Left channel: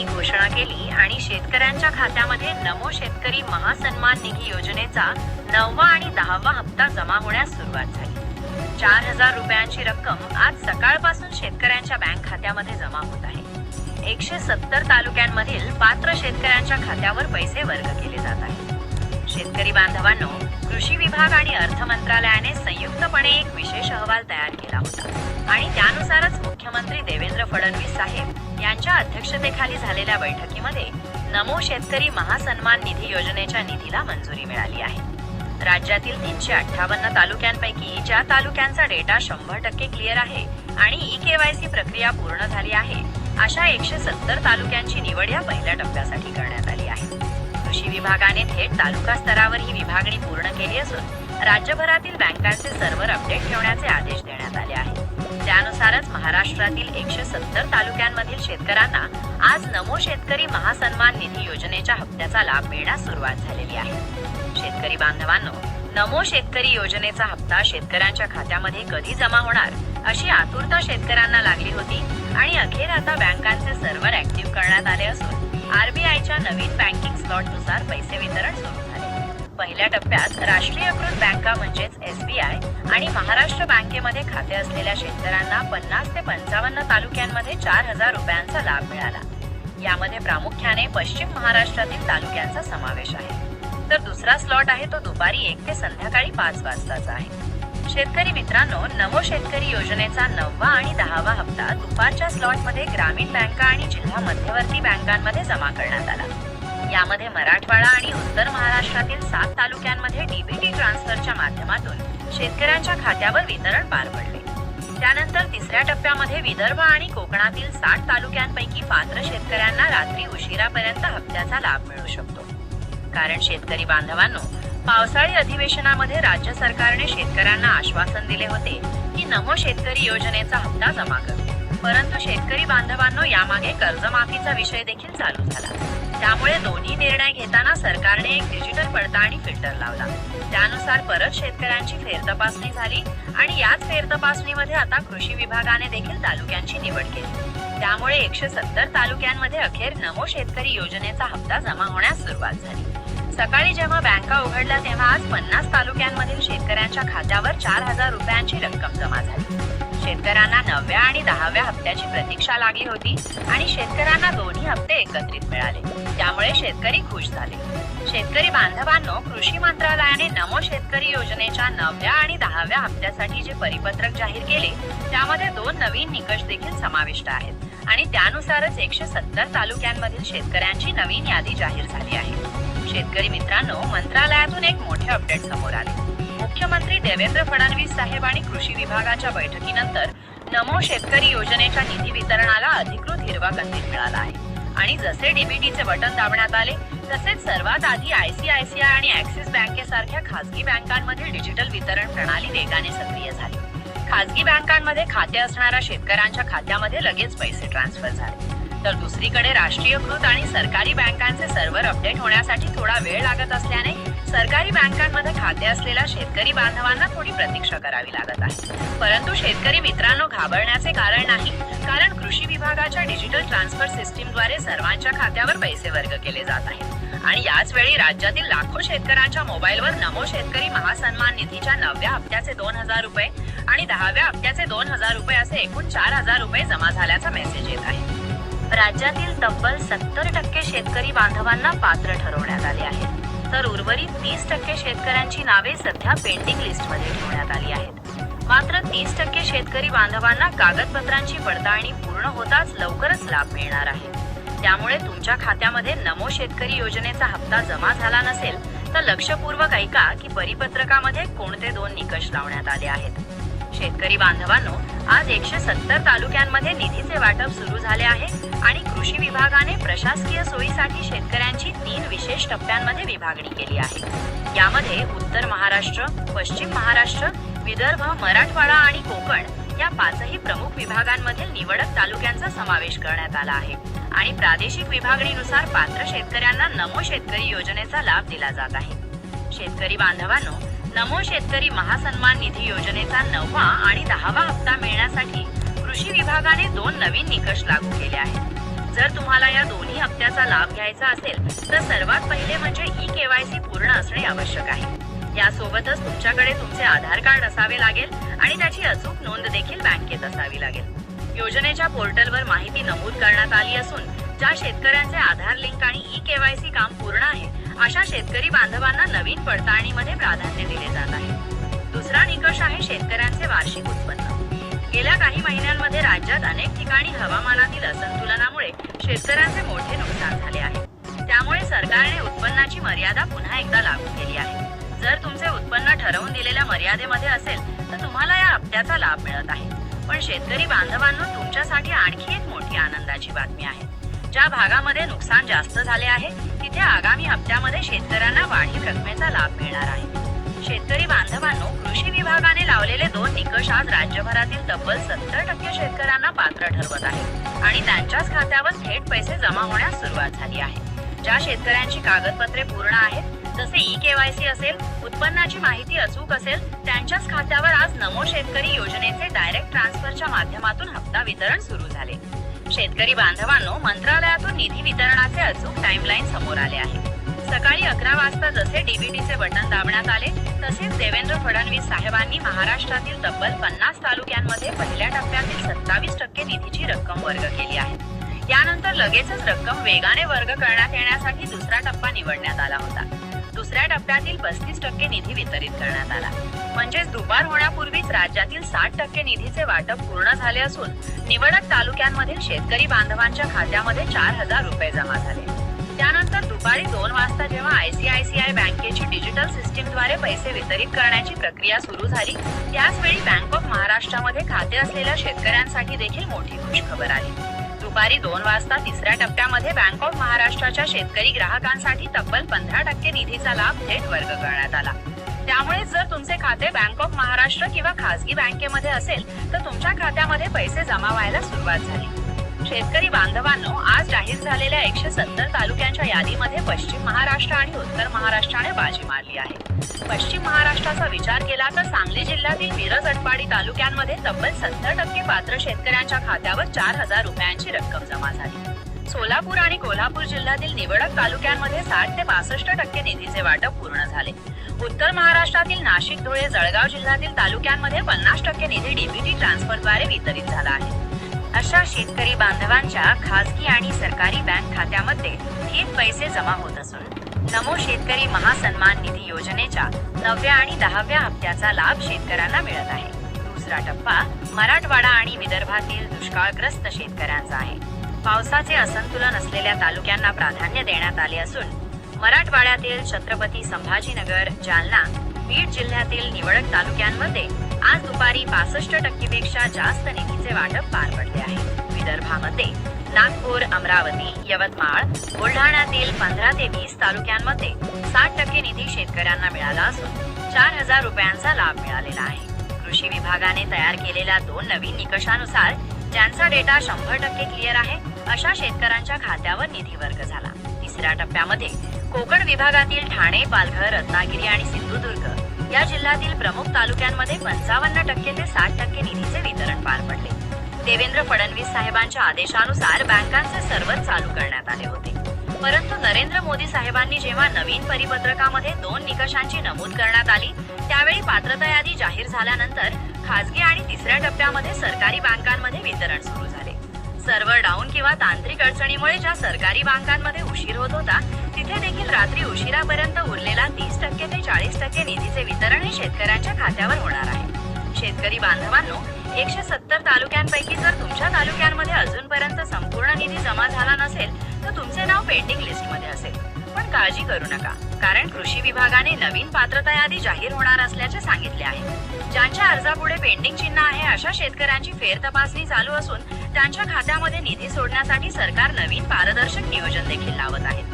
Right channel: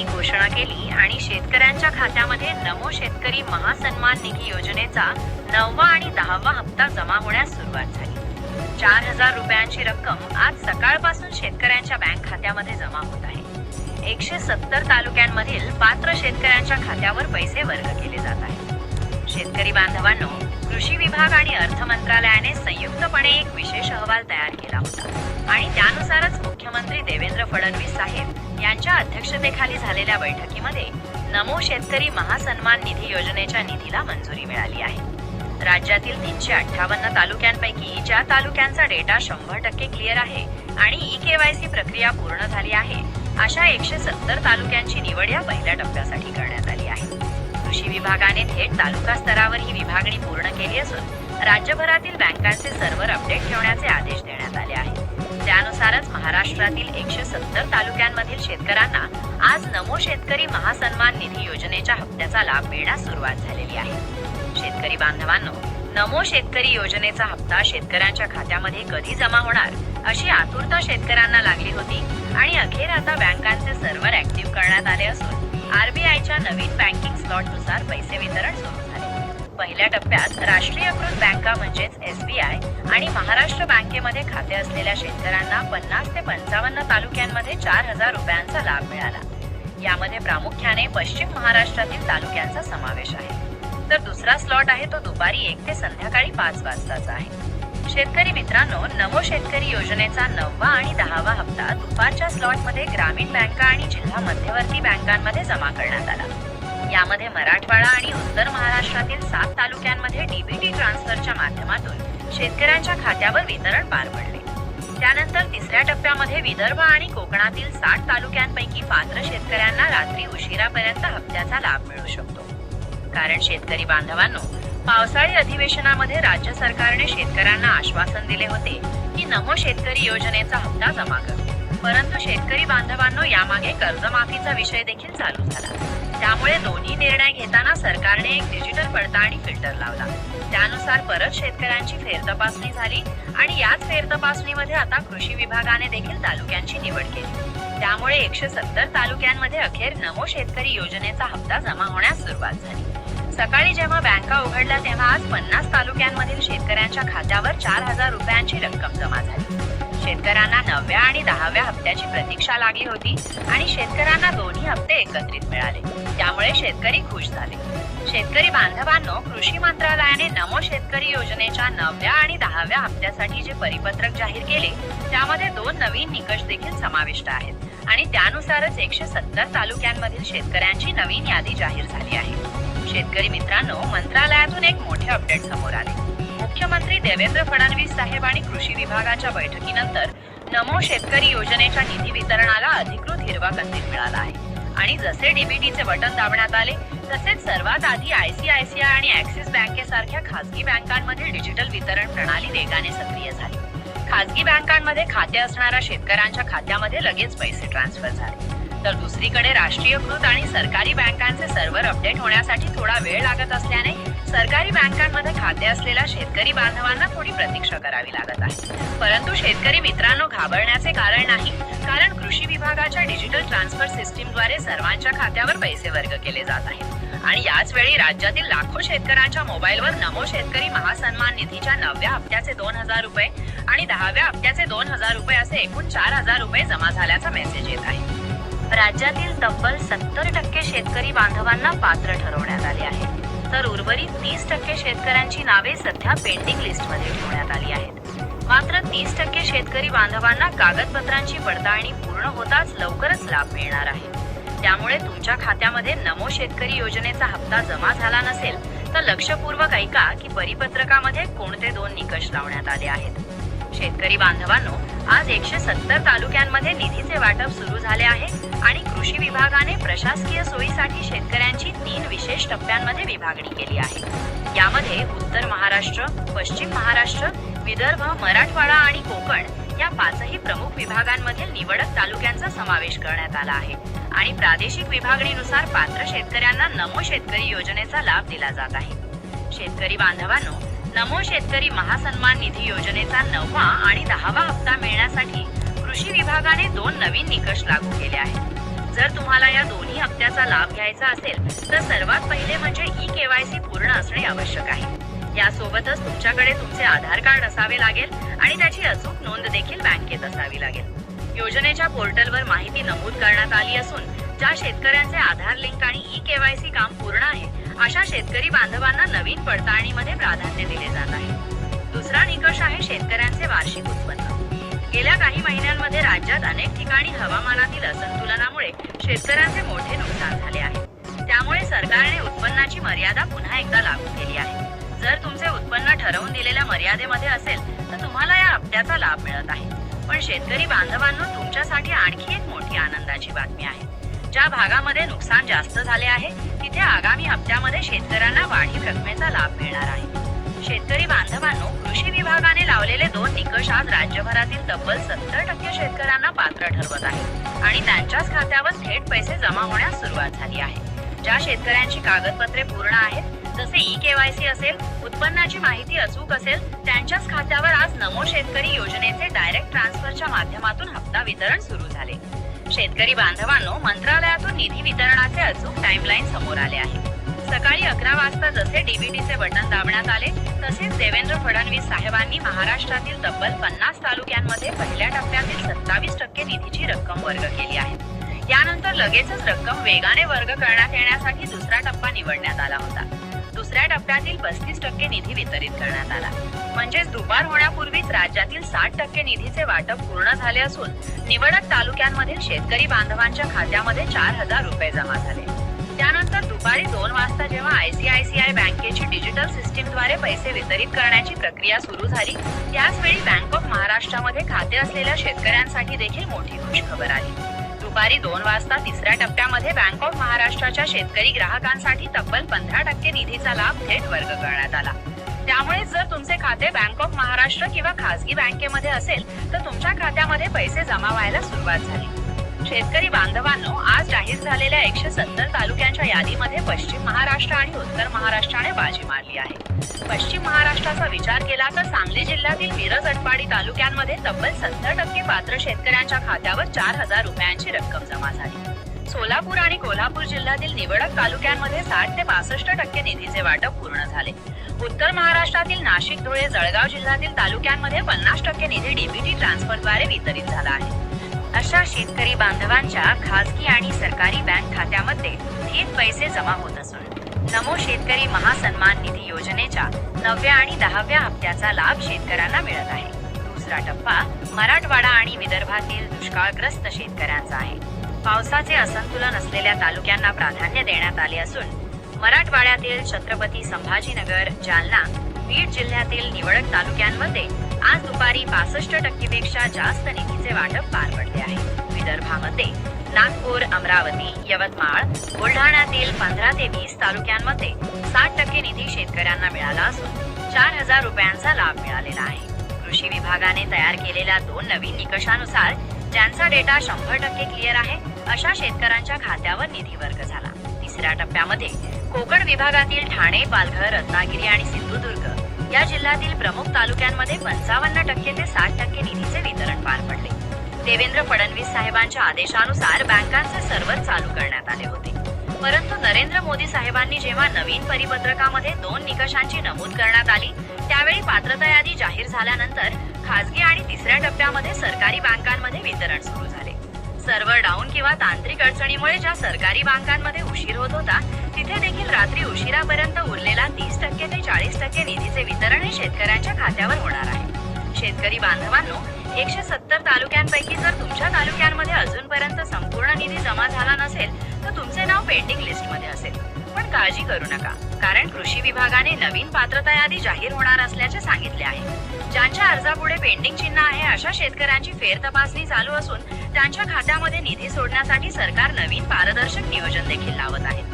यांनी घोषणा केली आणि शेतकऱ्यांच्या खात्यामध्ये नमो शेतकरी महासन्मान निधी योजनेचा 9वा आणि 10वा हप्ता जमा होण्यास सुरुवात झाली। 4,000 रुपयांची रक्कम आज सकाळपासून शेतकऱ्यांच्या बँक खात्यामध्ये जमा होत आहे। 170 तालुक्यांमधील पात्र शेतकऱ्यांच्या खात्यावर पैसे वर्ग केले जात आहेत। शेतकरी बांधवांनो, कृषी विभाग आणि अर्थ मंत्रालयाने संयुक्तपणे एक विशेष अहवाल तयार केला होता आणि त्यानुसारच मुख्यमंत्री देवेंद्र फडणवीस साहेब यांच्या अध्यक्षतेखाली झालेल्या बैठकीमध्ये नमो शेतकरी महासन्मान निधी योजनेच्या निधीला मंजुरी मिळाली आहे। राज्यातील 358 तालुक्यांपैकी ज्या तालुक्यांचा डेटा 100% क्लिअर आहे आणि ई-केवायसी प्रक्रिया पूर्ण झाली आहे, अशा 170 तालुक्यांची निवड या पहिल्या टप्प्यासाठी करण्यात आली आहे। कृषी विभागाने थेट तालुका स्तरावर ही विभागणी पूर्ण केली असून राज्यभरातील बँकांचे सर्व्हर अपडेट ठेवण्याचे आदेश देण्यात आले आहेत। त्यानुसारच महाराष्ट्रातील 170 तालुक्यांमधील शेतकऱ्यांना आज नमो शेतकरी महासन्मान निधी योजनेच्या हप्त्याचा लाभ मिळण्यास सुरुवात झालेली आहे। शेतकरी बांधवांनो, नमो शेतकरी योजनेचा हप्ता शेतकऱ्यांच्या खात्यामध्ये कधी जमा होणार अशी आतुरता शेतकऱ्यांना लागली होती आणि अखेर आता बँकांचे सर्व्हर ऍक्टिव्ह करण्यात आले असून आरबीआयच्या नवीन बँकिंग स्लॉटनुसार पैसे वितरण सुरू झाले। पहिल्या टप्प्यात राष्ट्रीयकृत बँका म्हणजेच SBI आणि महाराष्ट्र बँकेमध्ये खाते असलेल्या शेतकऱ्यांना 50 ते 55 तालुक्यांमध्ये 4,000 रुपयांचा लाभ मिळाला। यामध्ये प्रामुख्याने पश्चिम महाराष्ट्रातील तालुक्यांचा समावेश आहे, तर दुसरा स्लॉट आहे तो दुपारी 1 ते संध्याकाळी 5 वाजताचा आहे। शेतकरी मित्रांनो, नमो शेतकरी योजनेचा 9वा आणि 10वा हप्ता दुपारच्या स्लॉटमध्ये ग्रामीण बँका आणि जिल्हा मध्यवर्ती बँकांमध्ये जमा करण्यात आला। यामध्ये मराठवाडा आणि उत्तर महाराष्ट्रातील 7 तालुक्यांमध्ये डीबीटी ट्रान्सफरच्या माध्यमातून शेतकऱ्यांच्या खात्यावर वितरण पार पडले। त्यानंतर तिसऱ्या टप्प्यामध्ये विदर्भ आणि कोकणातील 60 तालुक्यांपैकी पात्र शेतकऱ्यांना रात्री उशिरापर्यंत हप्त्याचा लाभ मिळू शकतो। कारण शेतकरी बांधवांनो, पावसाळी अधिवेशनामध्ये राज्य सरकारने शेतकऱ्यांना आश्वासन दिले होते की नमो शेतकरी योजनेचा हप्ता जमा करू, परंतु शेतकरी बांधवांनो, यामागे कर्जमाफीचा विषय देखील चालू झाला। त्यामुळे दोन्ही निर्णय घेताना सरकारने एक डिजिटल पडताळणी फिल्टर लावला। त्यानुसार परत शेतकऱ्यांची फेरतपासणी झाली आणि याच फेरतपासणीमध्ये आता कृषी विभागाने देखील तालुक्यांची निवड केली। त्यामुळे 170 तालुक्यांमध्ये अखेर नमो शेतकरी योजनेचा हप्ता जमा होण्यास सुरुवात झाली। सकाळी जेव्हा बँका उघडल्या तेव्हा आज 50 तालुक्यांमधील शेतकऱ्यांच्या खात्यावर 4,000 रुपयांची रक्कम जमा झाली। शेतकऱ्यांना 9व्या आणि 10व्या हप्त्याची प्रतीक्षा लागली होती आणि शेतकऱ्यांना दोन्ही हप्ते एकत्रित मिळाले, त्यामुळे शेतकरी खुश झाले। शेतकरी बांधवांनो, कृषी मंत्रालयाने नमो शेतकरी योजनेच्या 9व्या आणि 10व्या हप्त्यासाठी जे परिपत्रक जाहीर केले त्यामध्ये 2 नवीन निकष देखील समाविष्ट आहेत आणि त्यानुसारच 170 तालुक्यांमधील शेतकऱ्यांची नवीन यादी जाहीर झाली आहे। शेतकरी मित्रांनो, मंत्रालयातून एक मोठे अपडेट समोर आले। मुख्यमंत्री देवेंद्र फडणवीस साहेब आणि कृषी विभागाच्या बैठकीनंतर नमो शेतकरी योजनेच्या निधी वितरणाला अधिकृत हिरवा कंदील मिळाला आहे आणि जसे डीबीटीचे बटन दाबण्यात आले तसेच सर्वात आधी ICICI आणि ऍक्सिस बँकेसारख्या खासगी बँकांमध्ये डिजिटल वितरण प्रणाली वेगाने सक्रिय झाली। खासगी बँकांमध्ये खाते असणाऱ्या शेतकऱ्यांच्या खात्यामध्ये लगेच पैसे ट्रान्सफर झाले, तर दुसरीकडे राष्ट्रीयकृत आणि सरकारी बँकांचे सर्व्हर अपडेट होण्यासाठी थोडा वेळ लागत असल्याने सरकारी बँकांमध्ये खाते असलेल्या शेतकरी बांधवांना थोडी प्रतीक्षा करावी लागत आहे। परंतु शेतकरी मित्रांनो, घाबरण्याचे कारण नाही, कारण कृषी विभागाच्या डिजिटल ट्रान्सफर सिस्टीमद्वारे सर्वांच्या खात्यावर पैसे वर्ग केले जात आहेत आणि याच वेळी राज्यातील लाखो शेतकऱ्यांच्या मोबाईलवर नमो शेतकरी महासन्मान निधीच्या 9व्या हप्त्याचे 2,000 रुपये आणि 10व्या हप्त्याचे 2,000 रुपये असे एकूण 4,000 रुपये जमा झाल्याचा मेसेज येत आहे। राज्यातील तब्बल 70% शेतकरी बांधवांना पात्र ठरवण्यात आले आहे, तर उर्वरित 30% शेतकऱ्यांची नावे सध्या पेंडिंग लिस्टमध्ये ठेवण्यात आली आहेत। मात्र 30% शेतकरी बांधवांना कागदपत्रांची पडताळणी पूर्ण होताच लवकरच लाभ मिळणार आहे। त्यामुळे तुमच्या खात्यामध्ये नमो शेतकरी योजनेचा हप्ता जमा झाला नसेल तर लक्षपूर्वक ऐका की परिपत्रकामध्ये कोणते 2 निकष लावण्यात आले आहेत। शेतकरी बांधवांनो, आज 170 तालुक्यांमध्ये निधीचे वाटप सुरू झाले आहे आणि कृषी विभागाने प्रशासकीय सोयीसाठी शेतकऱ्यांची 3 विशेष टप्प्यांमध्ये विभागणी केली आहे। यामध्ये उत्तर महाराष्ट्र, पश्चिम महाराष्ट्र, विदर्भ, मराठवाडा आणि कोकण या 5ही प्रमुख विभागांमध्ये निवडक तालुक्यांचा समावेश करण्यात आला आहे आणि प्रादेशिक विभागणीनुसार पात्र शेतकऱ्यांना नमो शेतकरी योजनेचा लाभ दिला जात आहे। शेतकरी बांधवांनो, नमो शेतकरी महासन्मान निधी योजनेचा 9वा आणि 10वा हप्ता मिळण्यासाठी कृषी विभागाने 2 नवीन निकष लागू केले आहेत। जर तुम्हाला या दोन्ही करायचा असेल तर सर्वात पहिले म्हणजे ई-केवायसी पूर्ण असणे आवश्यक आहे. यासोबतच तुमच्याकडे तुमचे आधार कार्ड असावे लागेल आणि त्याची अचूक नोंद देखील बँकेत असावी लागेल. योजनेच्या पोर्टलवर माहिती नमूद करण्यात आली असून ज्या शेतकऱ्यांचे आधार लिंक आणि ई-केवायसी काम पूर्ण आहे अशा शेतकरी बांधवांना नवीन पडताळणीमध्ये प्राधान्य दिले जात आहे. दुसरा निकष आहे शेतकऱ्यांचे वार्षिक उत्पन्न. गेल्या काही महिन्यांमध्ये राज्यात अनेक ठिकाणी हवामानातील असंतुलनामुळे शेतकऱ्यांचे मोठे नुकसान झाले आहे. त्यामुळे सरकारने उत्पन्नाची मर्यादा पुन्हा एकदा लागू केली आहे. जर तुमचे उत्पन्न ठरवून दिलेल्या मर्यादेमध्ये असेल तर तुम्हाला या हप्त्याचा लाभ मिळत आहे. पण शेतकरी बांधवांनो, तुमच्यासाठी आणखी एक मोठी आनंदाची बातमी आहे. ज्या भागामध्ये नुकसान जास्त झाले आहे तिथे आगामी हप्त्यामध्ये शेतकऱ्यांना वाढीव रकमेचा लाभ मिळणार आहे. शेतकरी बांधवांनो, कृषी विभागाने लावलेले 2 निकष आज राज्यभरातील तब्बल 70% शेतकऱ्यांना पात्र ठरवत आहे आणि त्यांच्याच खात्यावर थेट पैसे जमा होण्यास सुरुवात झाली आहे. ज्या शेतकऱ्यांची कागदपत्रे पूर्ण आहेत, जसे ई-केवायसी असेल, उत्पन्नाची माहिती अचूक असेल, त्यांच्याच खात्यावर आज नमो शेतकरी योजनेचे डायरेक्ट ट्रान्सफरच्या माध्यमातून हप्ता वितरण सुरू झाले. शेतकरी बांधवांनो, मंत्रालयातून निधी वितरणाचे अचूक टाइमलाईन समोर आले आहे. सकाळी 11 वाजता जसे डीबीटीचे बटन दाबण्यात आले तसेच देवेंद्र फडणवीस साहेबांनी महाराष्ट्रातील तब्बल 50 तालुक्यांमध्ये पहिल्या टप्प्यातील 27% निधीची रक्कम वर्ग केली आहे. यानंतर लगेचच रक्कम वेगाने वर्ग करण्यात येण्यासाठी दुसरा टप्पा निवडण्यात आला होता. दुसऱ्या टप्प्यातील 35% निधी वितरित करण्यात आला. म्हणजेच दुपार होण्यापूर्वीच राज्यातील 60% निधीचे वाटप पूर्ण झाले असून निवडक तालुक्यांमधील शेतकरी बांधवांच्या खात्यामध्ये 4,000 रुपये जमा झाले. त्यानंतर दुपारी 2 वाजता जेव्हा ICICI बँकेची डिजिटल सिस्टीमद्वारे पैसे वितरित करण्याची प्रक्रिया सुरू झाली, त्याचवेळी बँक ऑफ महाराष्ट्रामध्ये खाते असलेल्या शेतकऱ्यांसाठी देखील मोठी खुशखबर आली. दुपारी 2 वाजता तिसऱ्या टप्प्यामध्ये बँक ऑफ महाराष्ट्राच्या शेतकरी ग्राहकांसाठी तब्बल 15% निधीचा लाभ थेट वर्ग करण्यात आला. त्यामुळे जर तुमचे खाते बँक ऑफ महाराष्ट्र किंवा खासगी बँकेमध्ये असेल तर तुमच्या खात्यामध्ये पैसे जमा व्हायला सुरुवात झाली. शेतकरी बांधवांनो, आज जाहीर झालेल्या 170 तालुक्यांच्या यादीमध्ये पश्चिम महाराष्ट्र आणि उत्तर महाराष्ट्राने बाजी मारली आहे. पश्चिम महाराष्ट्राचा विचार केला तर सांगली जिल्ह्यातील मिरज अटपाडी तालुक्यांमध्ये तब्बल 70% पात्र शेतकऱ्यांच्या खात्यावर 4,000 रुपयांची रक्कम जमा झाली. सोलापूर आणि कोल्हापूर जिल्ह्यातील निवडक तालुक्यांमध्ये 60 ते 65% निधीचे वाटप पूर्ण झाले. उत्तर महाराष्ट्रातील नाशिक, धुळे, जळगाव जिल्ह्यातील तालुक्यांमध्ये 50% निधी डीबीटी ट्रान्सफरद्वारे वितरित झाला आहे. अशा शेतकरी बांधवांच्या खासगी आणि सरकारी बँक खात्यामध्ये थेट पैसे जमा होत असून नमो शेतकरी महासन्मान निधी योजनेच्या 9व्या आणि 10व्या हप्त्याचा लाभ शेतकऱ्यांना मिळत आहे. दुसरा टप्पा मराठवाडा आणि विदर्भातील दुष्काळग्रस्त शेतकऱ्यांचा आहे. पावसाचे असंतुलन असलेल्या तालुक्यांना प्राधान्य देण्यात आले असून मराठवाड्यातील छत्रपती संभाजीनगर, जालना, बीड जिल्ह्यातील निवडक तालुक्यांमध्ये आज दुपारी 65% पेक्षा जास्त निधीचे वाटप पार पडले आहे. विदर्भामध्ये नागपूर, अमरावती, यवतमाळ, बुलढाण्यातील 15 ते 20 तालुक्यांमध्ये 60% निधी शेतकऱ्यांना मिळाला असून 4,000 रुपयांचा लाभ मिळालेला आहे. कृषी विभागाने तयार केलेल्या 2 नवीन निकषानुसार ज्यांचा डेटा 100% क्लिअर आहे अशा शेतकऱ्यांच्या खात्यावर निधी वर्ग झाला. तिसऱ्या टप्प्यामध्ये कोकण विभागातील ठाणे, पालघर, रत्नागिरी आणि सिंधुदुर्ग या जिल्ह्यातील प्रमुख तालुक्यांमध्ये 55% ते 60% निधीचे वितरण पार पडले. देवेंद्र फडणवीस साहेबांच्या आदेशानुसार बँकांचे सर्व्हर चालू करण्यात आले होते. परंतु नरेंद्र मोदी साहेबांनी जेव्हा नवीन परिपत्रकामध्ये 2 निकषांची नमूद करण्यात आली त्यावेळी पात्रता यादी जाहीर झाल्यानंतर खासगी आणि तिसऱ्या टप्प्यामध्ये सरकारी बँकांमध्ये वितरण सुरू झाले. सर्व्हर डाऊन किंवा तांत्रिक अडचणीमुळे ज्या सरकारी बँकांमध्ये उशीर होत होता तिथे देखील रात्री उशिरापर्यंत उरलेला 30% ते 40% निधीचे वितरण हे शेतकऱ्यांच्या खात्यावर होणार आहे. शेतकरी बांधवांनो, 170 तालुक्यांपैकी जर तुमच्या तालुक्यांमध्ये अजूनपर्यंत संपूर्ण निधी जमा झाला नसेल तर तुमचे नाव पेंडिंग लिस्टमध्ये असेल. पण काळजी करू नका, कारण कृषी विभागाने नवीन पात्रता यादी जाहीर होणार असल्याचे सांगितले आहे. ज्यांच्या अर्जापुढे पेंडिंग चिन्ह आहे अशा शेतकऱ्यांची फेरतपासणी चालू असून त्यांच्या खात्यामध्ये निधी सोडण्यासाठी सरकार नवीन पारदर्शक नियोजन देखील लावत आहे.